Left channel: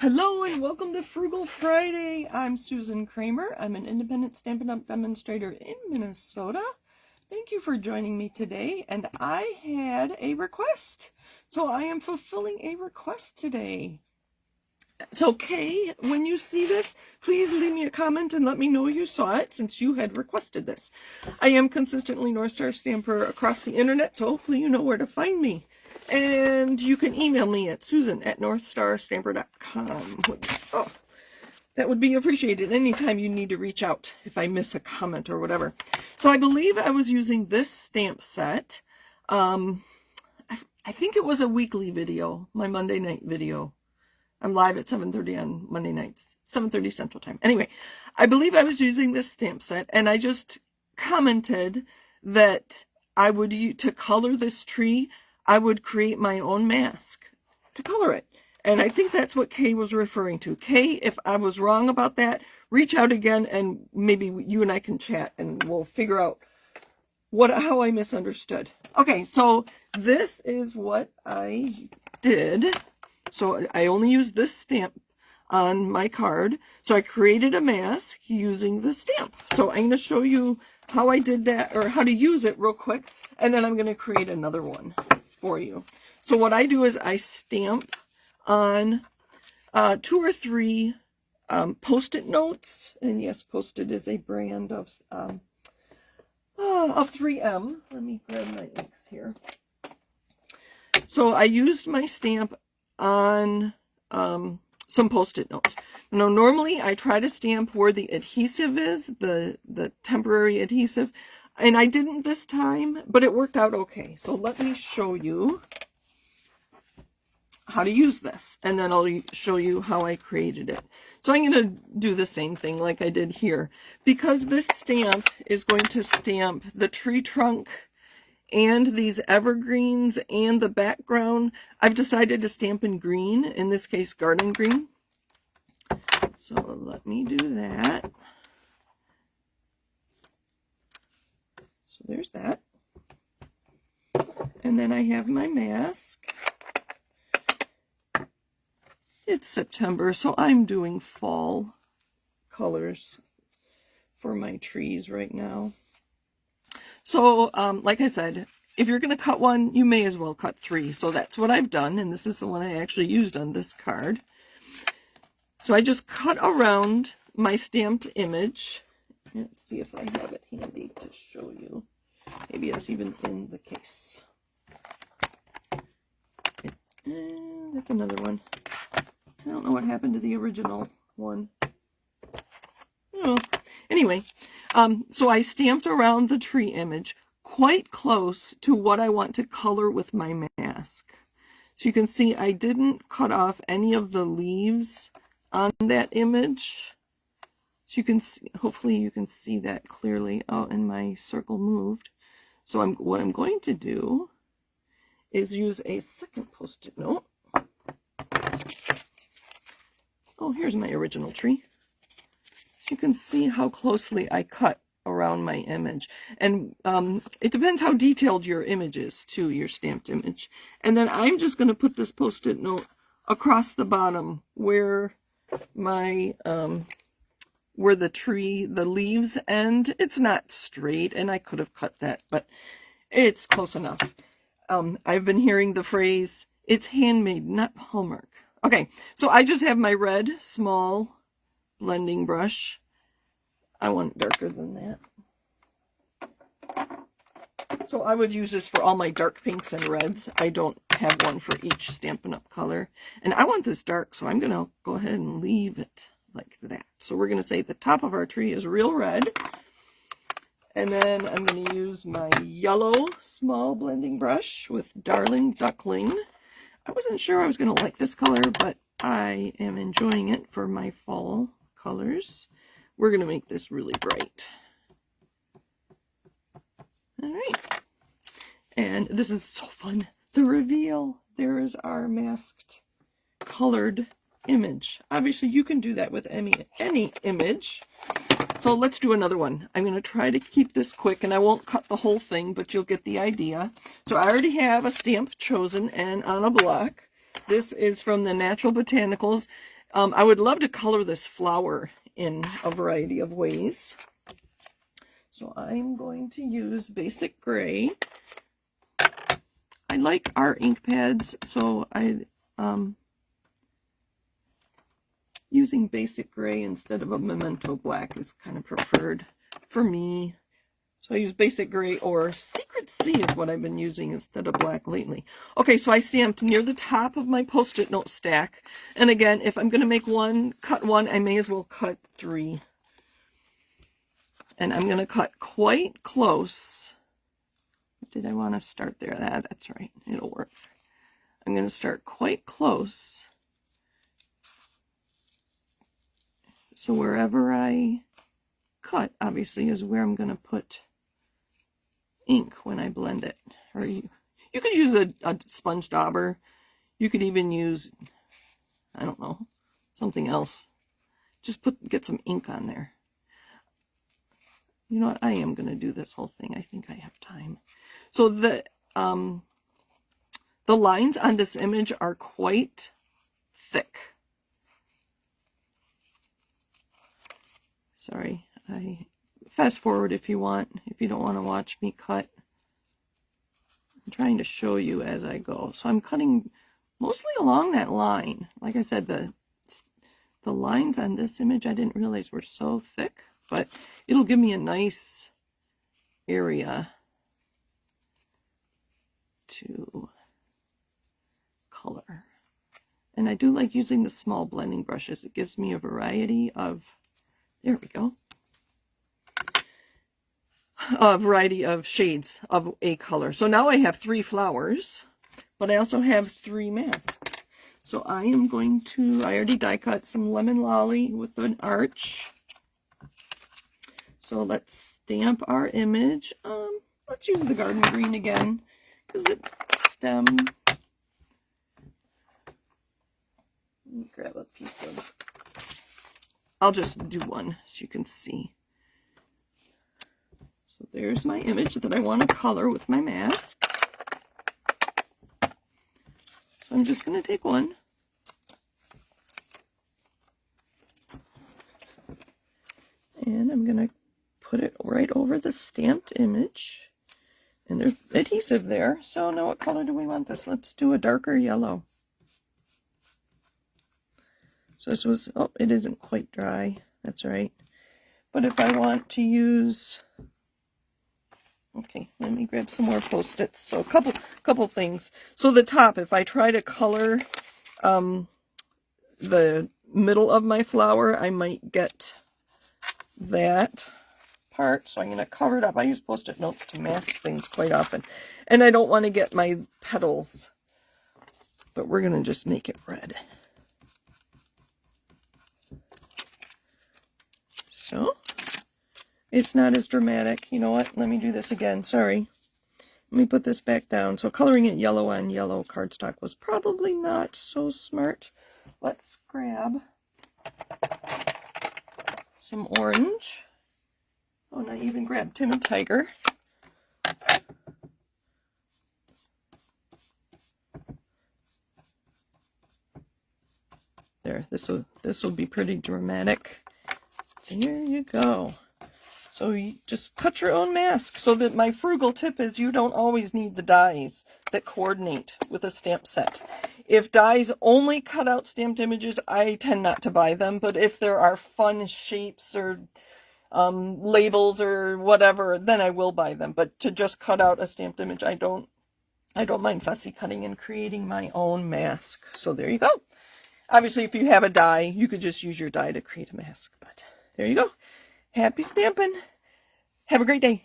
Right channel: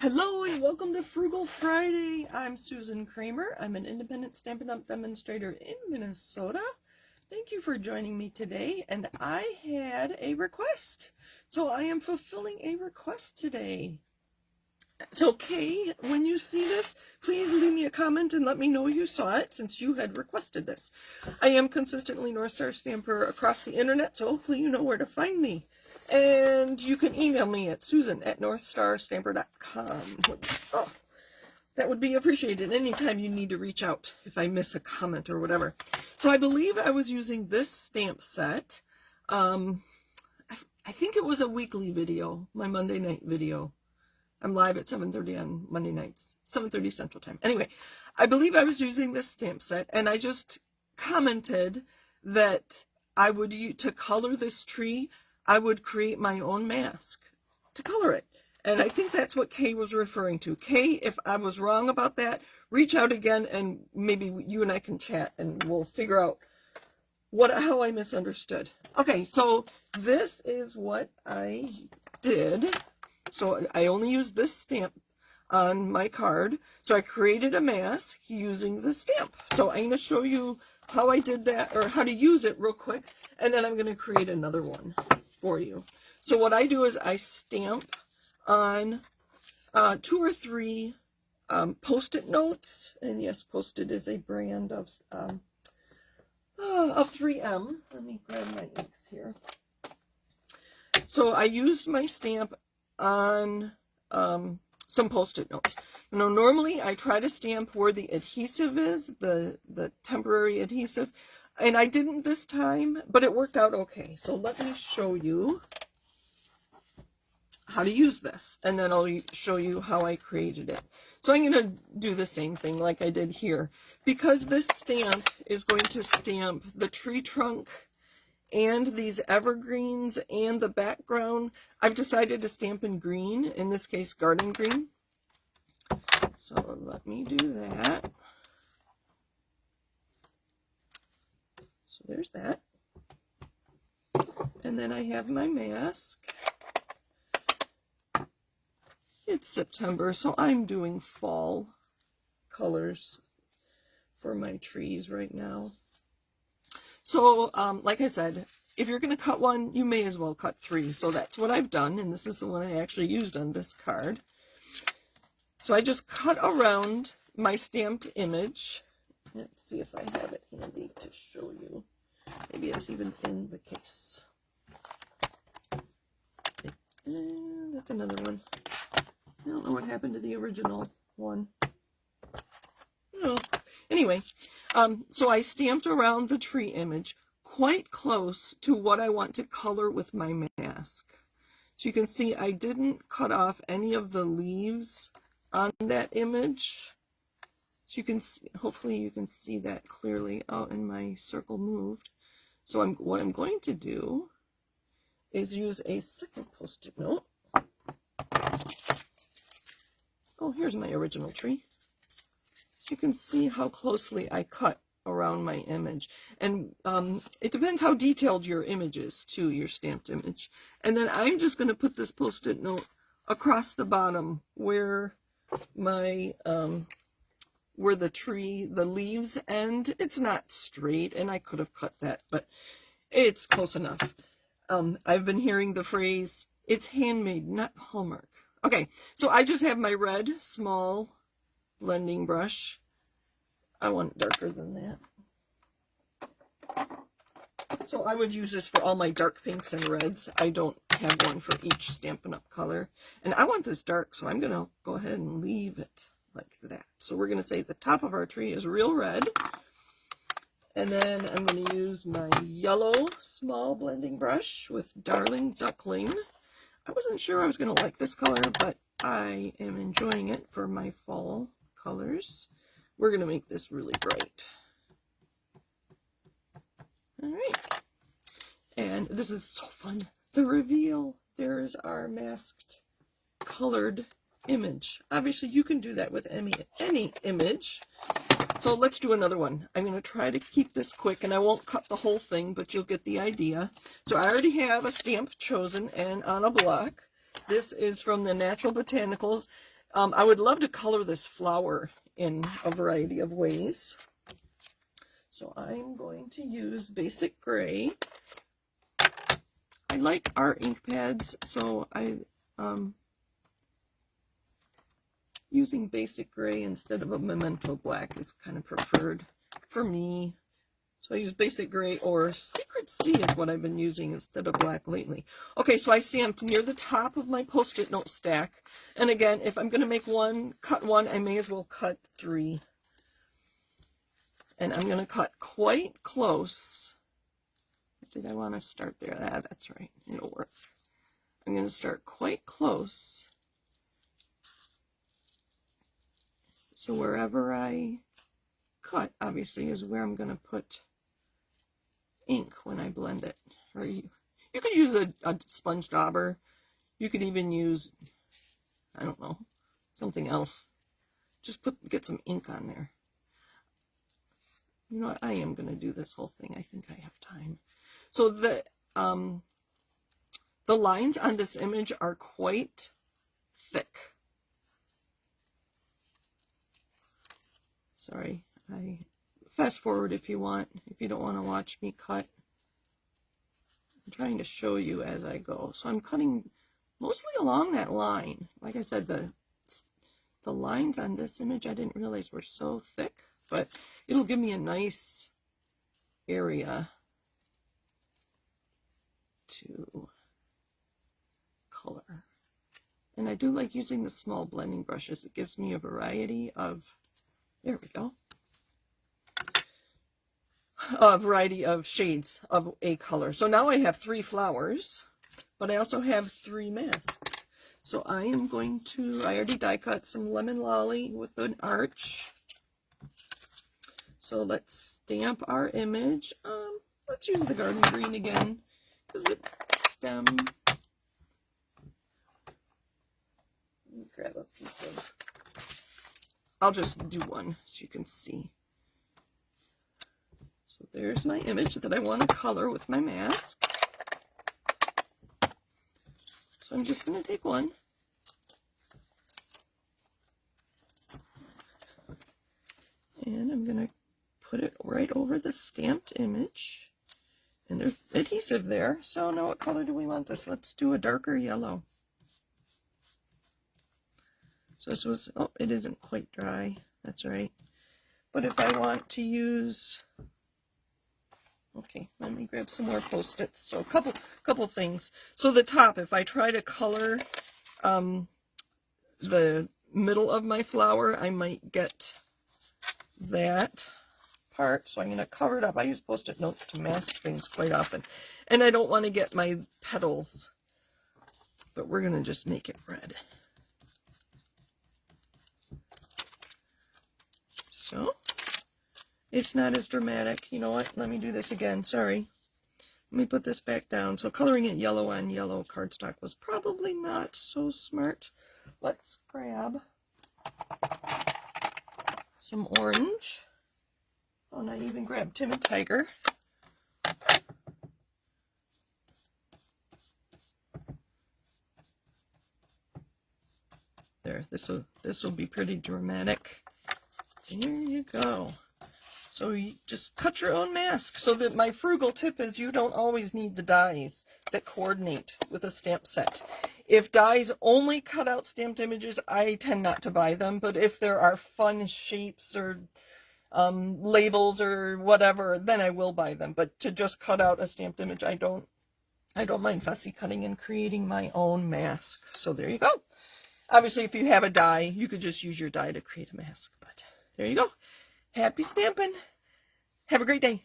Hello and welcome to Frugal Friday. I'm Susan Kramer. I'm an independent Stampin' Up! Demonstrator in Minnesota. Thank you for joining me today, and I had a request. So I am fulfilling a request today. It's okay, when you see this, please leave me a comment and let me know you saw it since you had requested this. I am consistently North Star Stamper across the internet, so hopefully you know where to find me. And you can email me at susan@northstarstamper.com. Oh, that would be appreciated anytime you need to reach out if I miss a comment or whatever. So I believe I was using this stamp set. I think it was a weekly video, my Monday night video. I'm live at 7:30 on Monday nights, 7:30 Central Time. Anyway, I believe I was using this stamp set, and I just commented that I would to color this tree, I would create my own mask to color it. And I think that's what Kay was referring to. Kay, if I was wrong about that, reach out again and maybe you and I can chat and we'll figure out how I misunderstood. Okay, so this is what I did. So I only used this stamp on my card. So I created a mask using the stamp. So I'm going to show you how I did that, or how to use it real quick, and then I'm going to create another one for you. So what I do is I stamp on 2 or 3 Post-it notes, and yes, Post-it is a brand of 3M. Let me grab my inks here. So I used my stamp on some Post-it notes. You know, normally I try to stamp where the adhesive is, the temporary adhesive, and I didn't this time, but it worked out okay. So let me show you how to use this, and then I'll show you how I created it. So I'm going to do the same thing like I did here. Because this stamp is going to stamp the tree trunk and these evergreens and the background, I've decided to stamp in green, in this case garden green. So let me do that. So there's that. And then I have my mask. It's September, so I'm doing fall colors for my trees right now. So, like I said, if you're going to cut one, you may as well cut 3. So that's what I've done, and this is the one I actually used on this card. So I just cut around my stamped image. Let's see if I have it handy to show you. Maybe it's even in the case. And that's another one. I don't know what happened to the original one. Oh. Anyway, so I stamped around the tree image quite close to what I want to color with my mask. So you can see I didn't cut off any of the leaves on that image. So you can see, hopefully you can see that clearly. Oh, and my circle moved. So what I'm going to do is use a second Post-it note. Oh, here's my original tree. So you can see how closely I cut around my image. And it depends how detailed your image is, too, your stamped image. And then I'm just going to put this Post-it note across the bottom where my, where the tree, the leaves end. It's not straight, and I could have cut that, but it's close enough. I've been hearing the phrase, it's handmade, not Hallmark. Okay, so I just have my red small blending brush. I want it darker than that. So I would use this for all my dark pinks and reds. I don't have one for each Stampin' Up! Color. And I want this dark, so I'm going to go ahead and leave it like that. So we're going to say the top of our tree is real red. And then I'm going to use my yellow small blending brush with Darling Duckling. I wasn't sure I was going to like this color, but I am enjoying it for my fall colors. We're going to make this really bright. All right. And this is so fun. The reveal. There is our masked colored image. Obviously, you can do that with any image. So let's do another one. I'm going to try to keep this quick, and I won't cut the whole thing, but you'll get the idea. So I already have a stamp chosen and on a block. This is from the Natural Botanicals, I would love to color this flower in a variety of ways. So I'm going to use basic gray. I like our ink pads, so using basic gray instead of a Memento black is kind of preferred for me. So I use basic gray, or Secret Sea is what I've been using instead of black lately. Okay, so I stamped near the top of my Post-it note stack. And again, if I'm going to make one, cut one, I may as well cut 3. And I'm going to cut quite close. Did I want to start there? That's right. It'll work. I'm going to start quite close. So wherever I cut, obviously, is where I'm going to put ink when I blend it. Or you could use a sponge dauber. You could even use, I don't know, something else. Just get some ink on there. You know what? I am going to do this whole thing. I think I have time. So the lines on this image are quite thick. Sorry, I fast forward if you want, if you don't want to watch me cut. I'm trying to show you as I go. So I'm cutting mostly along that line. Like I said, the lines on this image I didn't realize were so thick, but it'll give me a nice area to color. And I do like using the small blending brushes. It gives me a variety of, there we go, a variety of shades of a color. So now I have 3 flowers, but I also have 3 masks. So I am going to, I already die cut some lemon lolly with an arch. So let's stamp our image. Let's use the garden green again, because it's stem. Let me grab a piece of, I'll just do one so you can see. So there's my image that I want to color with my mask. So I'm just going to take one. And I'm going to put it right over the stamped image. And there's adhesive there. So now what color do we want this? Let's do a darker yellow. So this was, oh, it isn't quite dry. That's right. But if I want to use, okay, let me grab some more Post-its. So a couple things. So the top, if I try to color the middle of my flower, I might get that part. So I'm going to cover it up. I use Post-it notes to mask things quite often. And I don't want to get my petals, but we're going to just make it red. So it's not as dramatic. You know what? Let me do this again. Sorry. Let me put this back down. So coloring it yellow on yellow cardstock was probably not so smart. Let's grab some orange. Oh, not even grab Timid Tiger. There, this will be pretty dramatic. There you go. So you just cut your own mask. So that my frugal tip is you don't always need the dies that coordinate with a stamp set. If dies only cut out stamped images, I tend not to buy them. But if there are fun shapes or labels or whatever, then I will buy them. But to just cut out a stamped image, I don't mind fussy cutting and creating my own mask. So there you go. Obviously, if you have a die, you could just use your die to create a mask. But there you go. Happy stamping. Have a great day.